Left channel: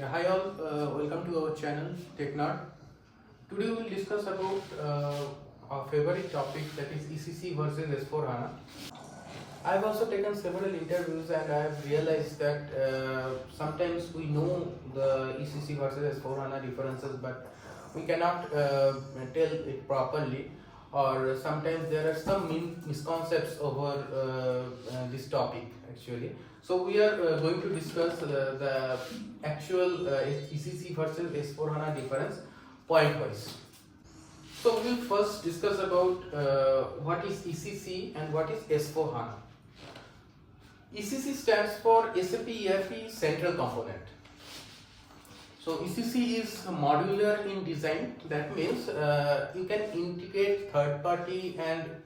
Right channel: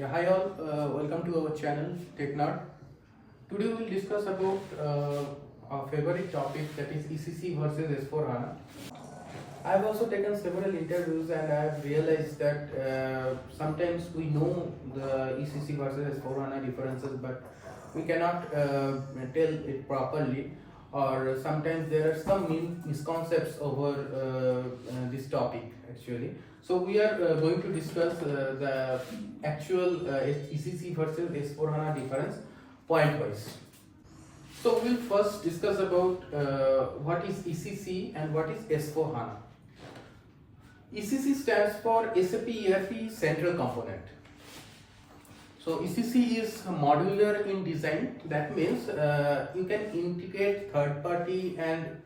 Yeah, hi all, welcome to our channel TechNerd. Today we will discuss about our favorite topic, that is ECC versus S4 HANA. I have also taken several interviews and I have realized that sometimes we know the ECC versus S4 HANA differences, but we cannot tell it properly, or sometimes there are some misconceptions over this topic actually. So we are going to discuss the actual ECC versus S4 HANA difference point wise. So we'll first discuss about what is ECC and what is S4 HANA. ECC stands for SAP ERP Central Component. So ECC is modular in design. That means you can integrate third party and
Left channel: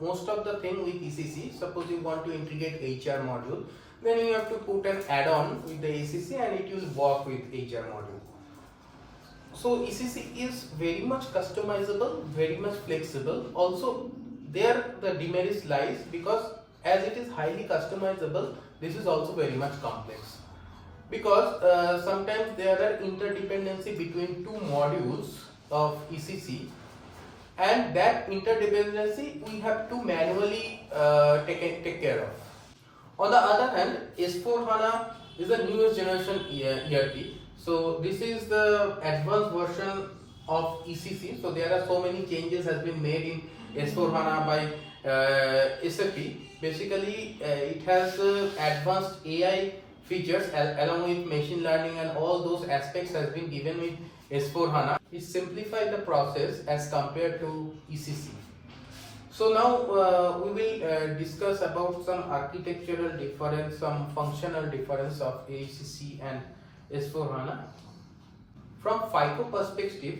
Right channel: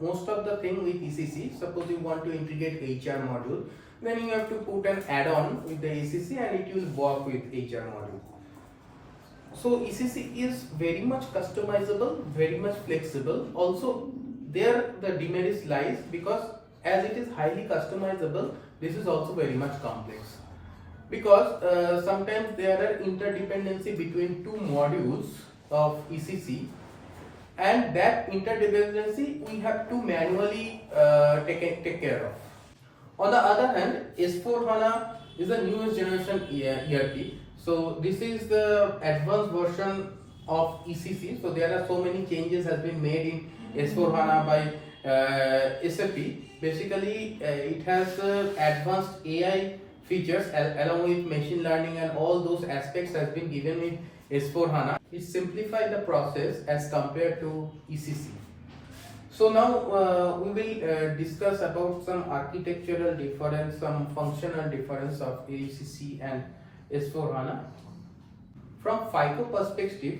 most of the thing with ECC. Suppose you want to integrate HR module, then you have to put an add-on with the ECC and it will work with HR module. So ECC is very much customizable, very much flexible. Also there the demerits lies because as it is highly customizable, this is also very much complex. Because sometimes there are interdependency between two modules of ECC, and that interdependency we have to manually take care of. On the other hand, S4 HANA is the newest generation ERP. So this is the advanced version of ECC. So there are so many changes has been made in S4 HANA by SAP. Basically, it has advanced AI features along with machine learning, and all those aspects has been given in S4 HANA. It simplified the process as compared to ECC. So now we will discuss about some architectural difference, some functional difference of ECC and S4 HANA. From FICO perspective,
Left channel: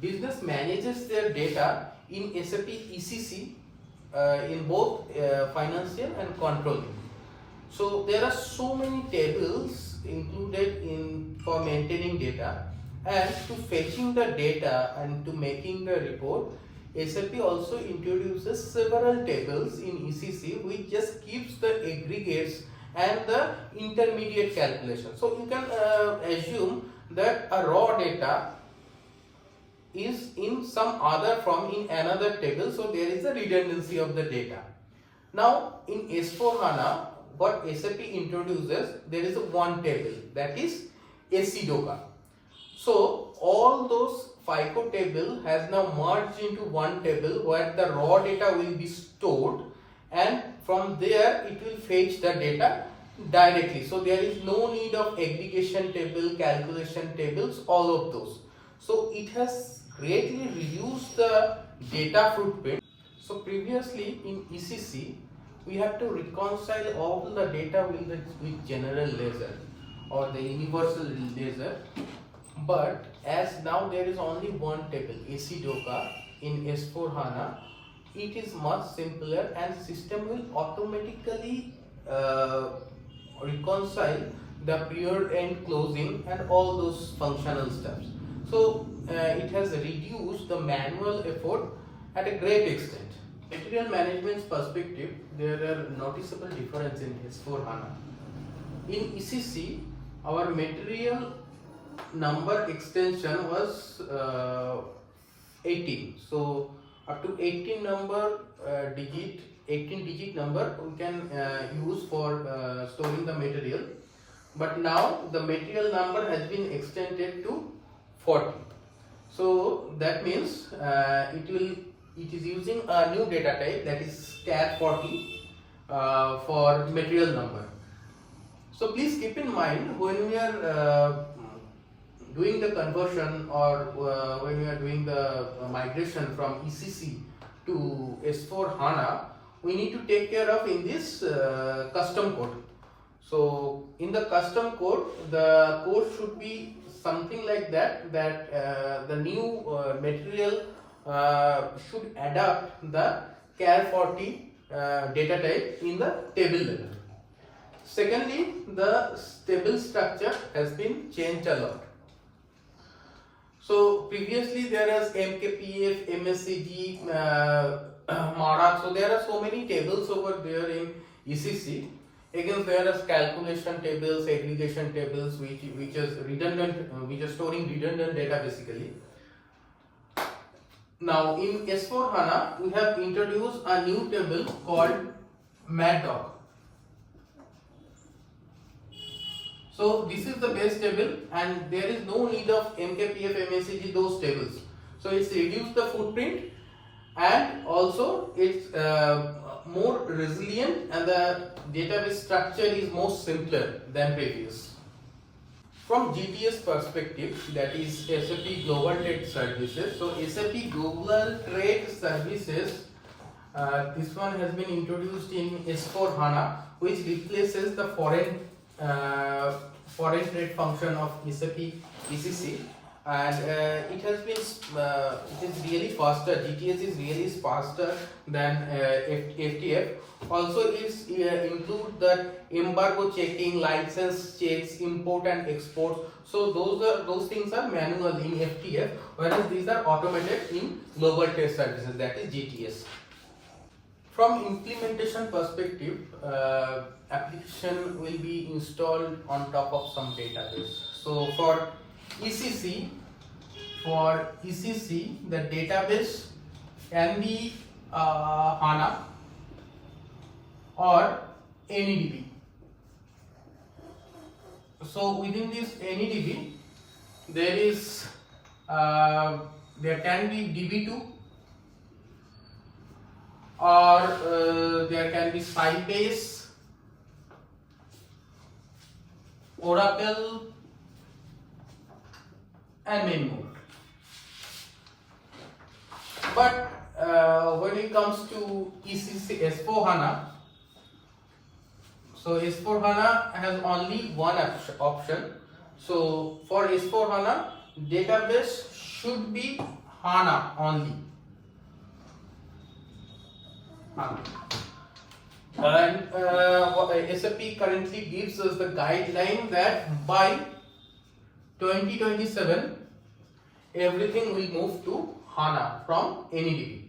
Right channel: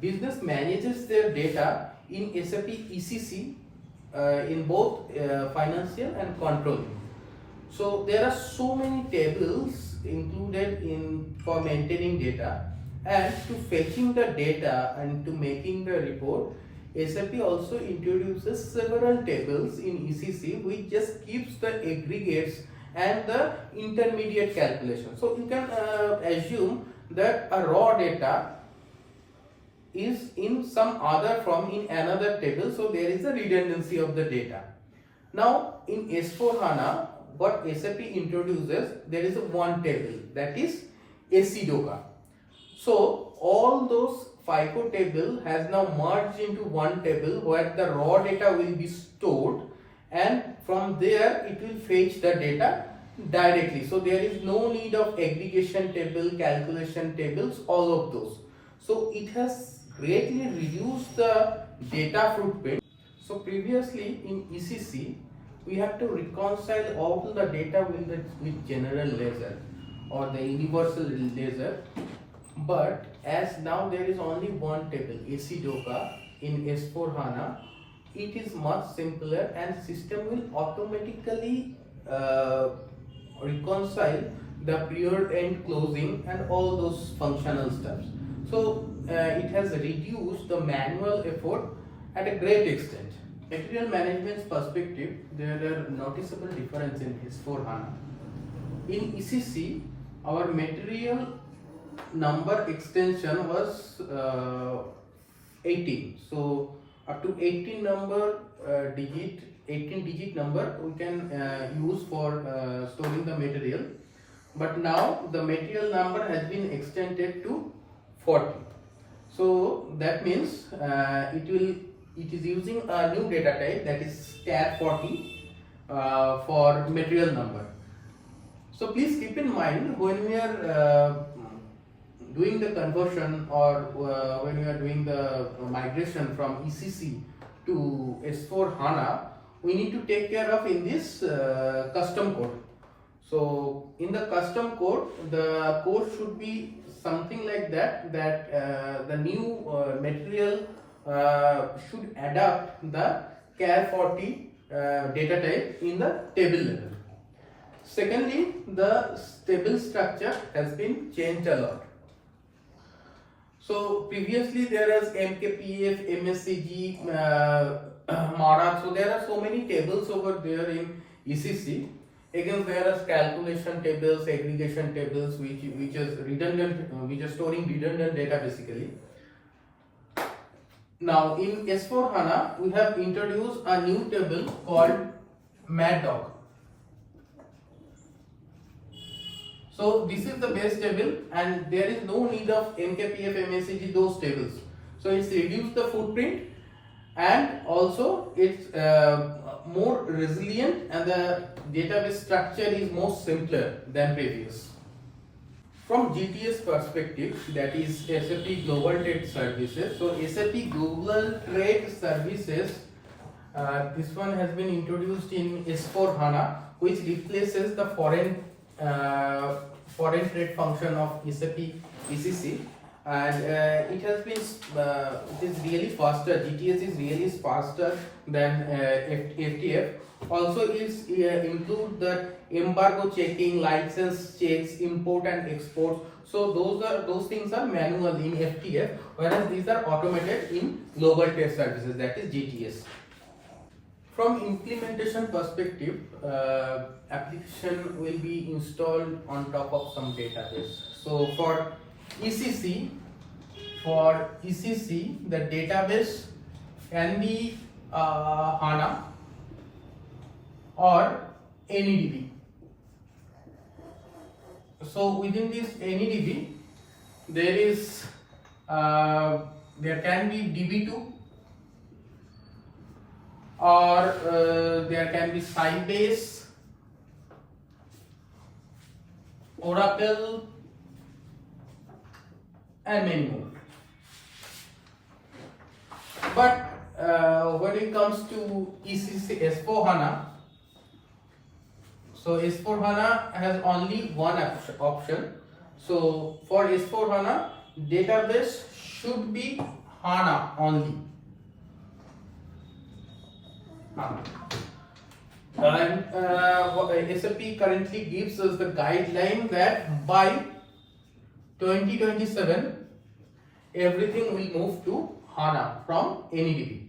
business manages their data in SAP ECC in both financial and controlling. So there are so many tables included for maintaining data, and to fetching the data and to making the report, SAP also introduces several tables in ECC which just keeps the aggregates and the intermediate calculation. So you can assume that a raw data is in some other form in another table, so there is a redundancy of the data. Now in S4 HANA, what SAP introduces, there is a one table, that is ACDOCA. So all those FICO table has now merged into one table where the raw data will be stored, and from there it will fetch the data directly. So there is no need of aggregation table, calculation tables, all of those. So it has greatly reduced the data footprint. So previously in ECC, we have to reconcile all the data with general ledger or the universal ledger, but as now there is only one table, ACDOCA, in S4 HANA, it is much simpler and system will automatically reconcile the period end closing and all those functional steps. So it has reduced the manual effort at a great extent. Material management perspective, there are noticeable difference in S4 HANA. In ECC, our material number extension was 18. So up to 18 digit number we can use for storing the material. But now the material number has been extended to 40. So that means it is using a new data type, that is tar 40 for material number. So please keep in mind when we are doing the conversion or when we are doing the migration from ECC to S4 HANA, we need to take care of in this custom code. So in the custom code, the code should be something like that, the new material should adapt the char 40 data type in the table level. Secondly, the table structure has been changed a lot. So previously there is MKPF, MSCG, MARAC. So there are so many tables over there in ECC. again there are calculation tables, aggregation tables, which is redundant, which are storing redundant data basically. Now in S4 HANA we have introduced a new table called MATDOC. So this is the base table and there is no need of MKPF, MACG, those tables. So it's reduced the footprint and also it's more resilient and the database structure is more simpler than previous. From GTS perspective, that is SAP Global Trade Services. So SAP Global Trade Services, this one has been introduced in S4 HANA, which replaces the foreign trade function of SAP ECC, and it has been it is really faster. GTS is really faster than FTF. Also it's include the embargo checking, license checks, import and export. So those things are manual in FTF, whereas these are automated in Global Trade Services, that is GTS. From implementation perspective, application will be installed on top of some database. So for ECC, the database can be HANA or NEDB. So within this NEDB, there can be DB2, or there can be Sybase, Oracle, and many more. But when it comes to ECC S4 HANA, so S4 HANA has only one option. So for S4 HANA, database should be HANA only. And SAP currently gives us the guideline that by 2027 everything will move to HANA from NEDB.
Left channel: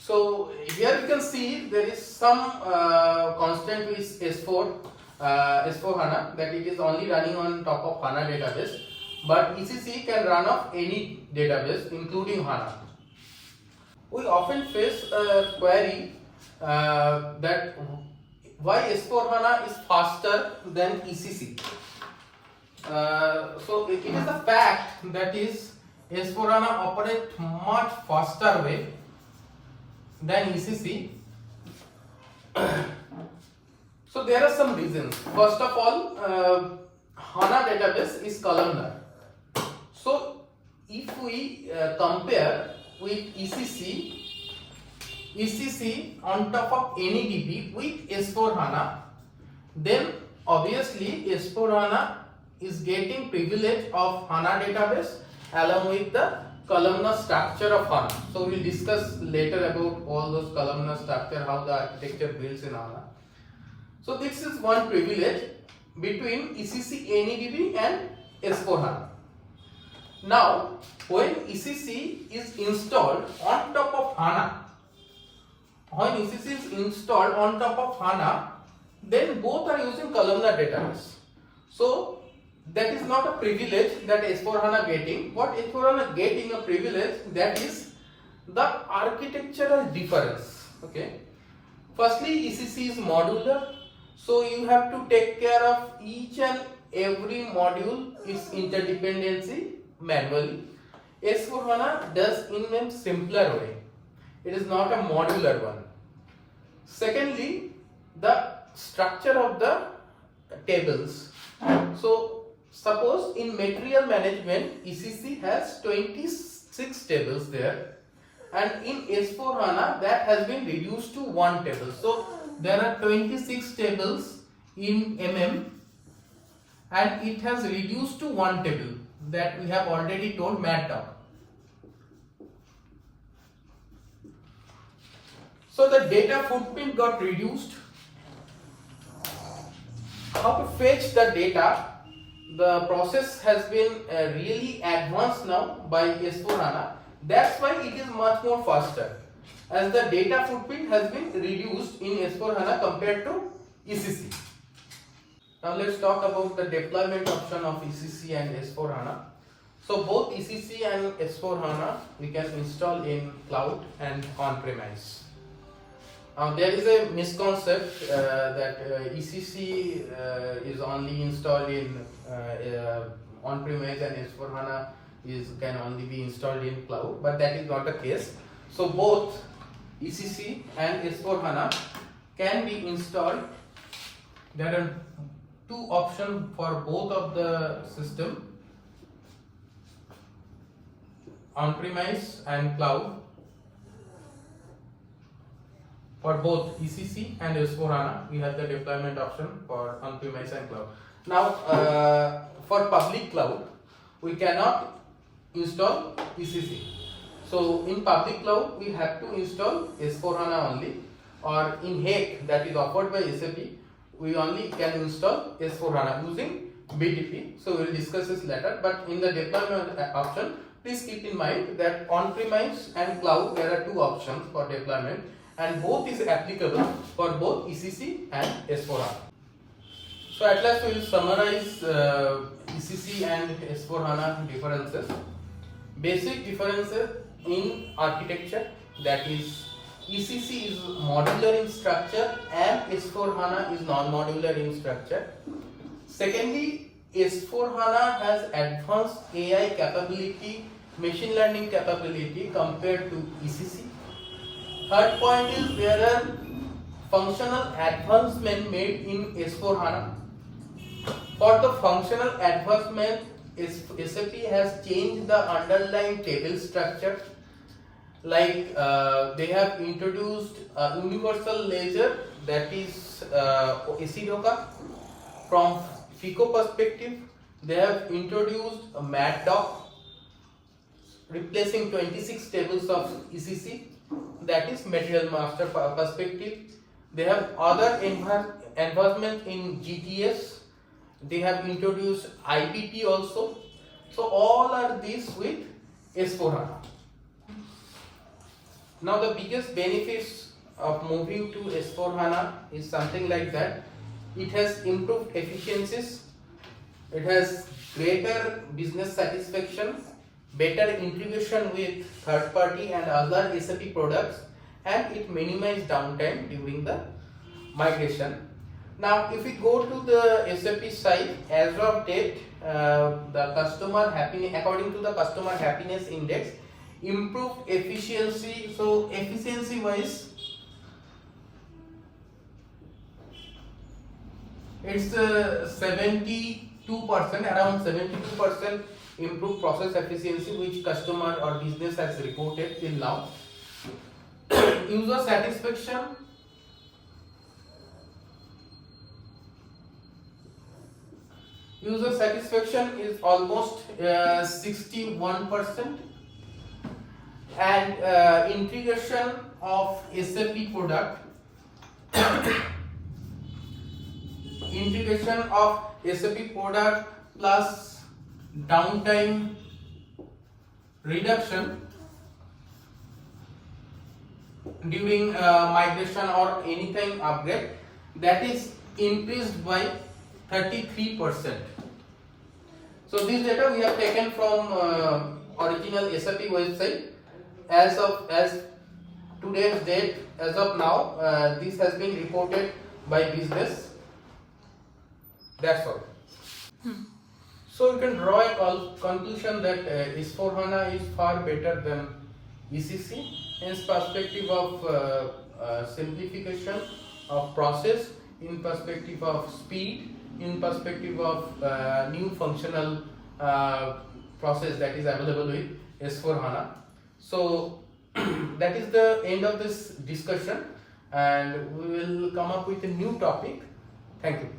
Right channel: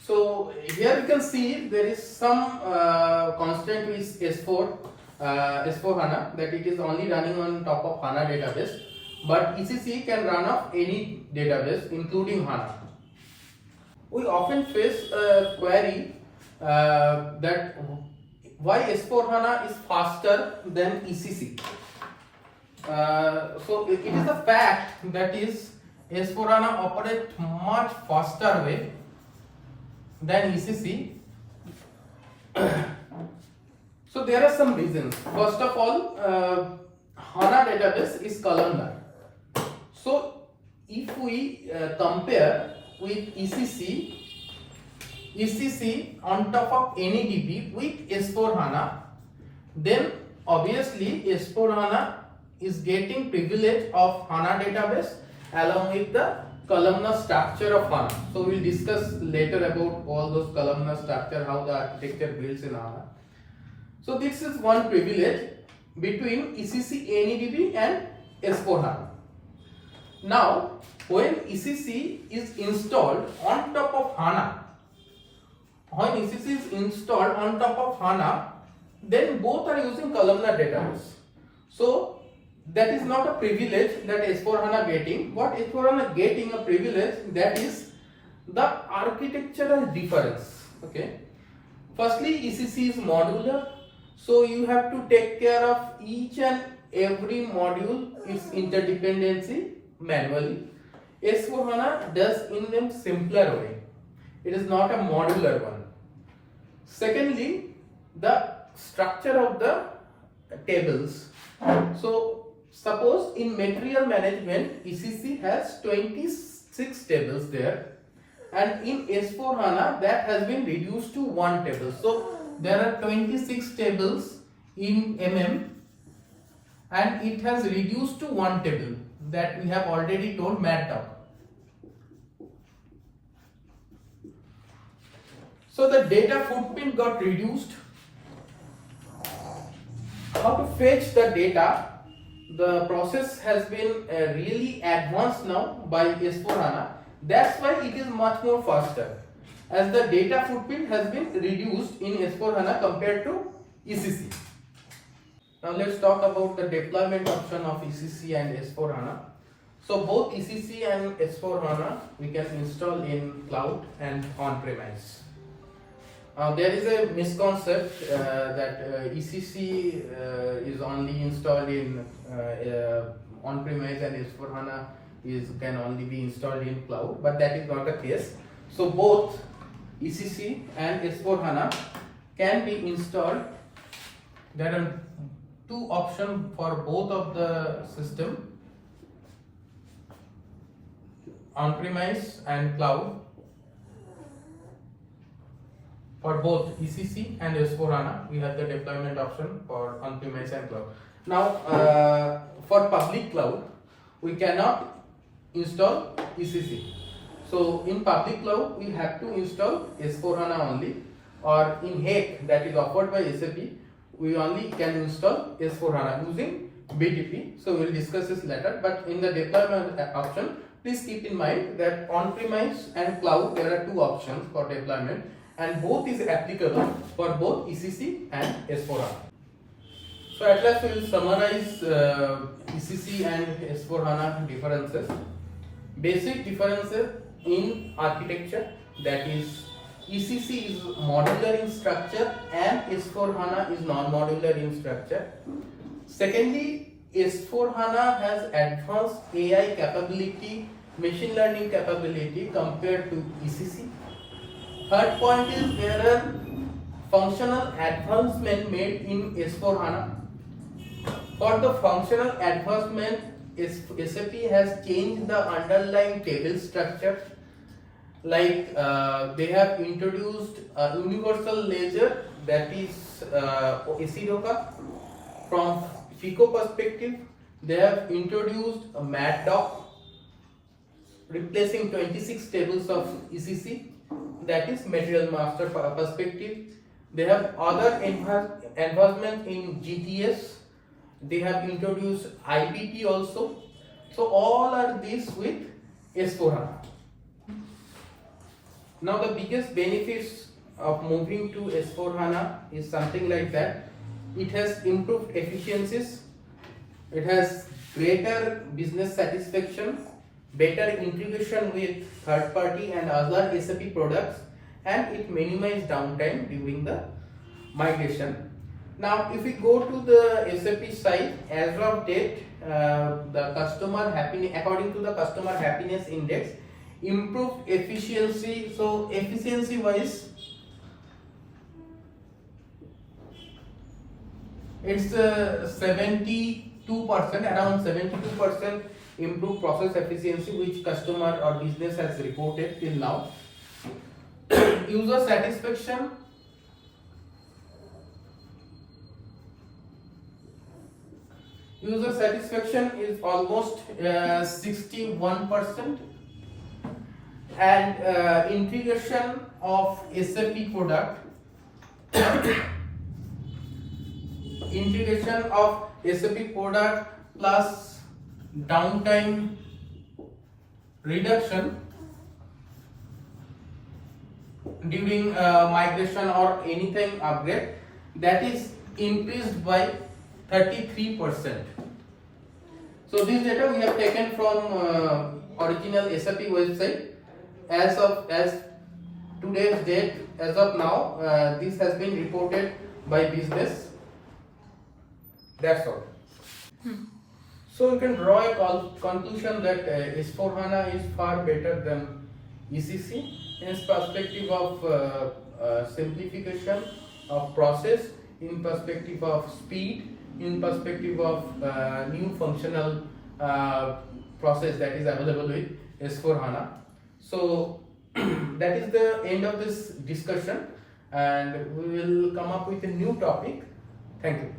So here you can see there is some constant with S4 HANA, that it is only running on top of HANA database, but ECC can run off any database including HANA. We often face a query that why S4 HANA is faster than ECC. So it is a fact that is S4 HANA operates much faster way than ECC. So there are some reasons. First of all, HANA database is columnar. So if we compare with ECC on top of NEDB with S4 HANA, then obviously S4 HANA is getting privilege of HANA database along with the columnar structure of HANA. So we will discuss later about all those columnar structure, how the architecture builds in HANA. So this is one privilege between ECC NEDB and S4 HANA. Now when ECC is installed on top of HANA, then both are using columnar database. So that is not a privilege that S4 HANA getting. What S4 HANA getting a privilege, that is the architectural difference. Okay. Firstly, ECC is modular, so you have to take care of each and every module, its interdependency manually. S4 HANA does in a simpler way. It is not a modular one. Secondly, the structure of the tables. So suppose in material management, ECC has 26 tables there, and in S4 HANA that has been reduced to one table. So there are 26 tables in MM and it has reduced to one table, that we have already told MATDOC. So the data footprint got reduced. How to fetch the data? The process has been really advanced now by S4 HANA. That's why it is much more faster, as the data footprint has been reduced in S4 HANA compared to ECC. Now let's talk about the deployment option of ECC and S4 HANA. So both ECC and S4 HANA we can install in cloud and on-premise. There is a misconcept that ECC is only installed in on-premise and S4 HANA can only be installed in cloud, but that is not the case. So both ECC and S4 HANA can be installed. There are two options for both of the system, on-premise and cloud. For both ECC and S4 HANA, we have the deployment option for on-premise and cloud. Now, for public cloud, we cannot install ECC. So, in public cloud, we have to install S4 HANA only, or in HAC that is offered by SAP, we only can install S4 HANA using BTP. So, we will discuss this later. But in the deployment option, please keep in mind that on-premise and cloud there are two options for deployment, and both is applicable for both ECC and S4 HANA. So at last we will summarize ECC and S4 HANA differences. Basic differences in architecture, that is ECC is modular in structure and S4 HANA is non-modular in structure. Secondly, S4 HANA has advanced AI capability, machine learning capability compared to ECC. Third point is there are functional advancement made in S4 HANA. For the functional advancement, SAP has changed the underlying table structure. Like they have introduced a universal ledger, that is ACDOCA. From FICO perspective, they have introduced a MATDOC, replacing 26 tables of ECC, that is material master perspective. They have other advancement in GTS. They have introduced IPP also. So all are these with S4 HANA. Now the biggest benefits of moving to S4 HANA is something like that. It has improved efficiencies, it has greater business satisfaction, better integration with third party and other SAP products, and it minimizes downtime during the migration. Now if we go to the SAP side, as of date, the customer happiness, according to the customer happiness index, improved efficiency. So efficiency wise, it's 72%, around 72% improved process efficiency, which customer or business has reported till now. User satisfaction, is almost 61%, and integration of SAP product plus downtime reduction during migration or anything upgrade, that is increased by 33%. So this data we have taken from original SAP website. As today's date, as of now, this has been reported by business. That's all. So you can draw a conclusion that S4 HANA is far better than ECC in perspective of simplification of process, in perspective of speed, in perspective of new functional process that is available with S4 HANA. So that is the end of this discussion, and we will come up with a new topic. Thank you.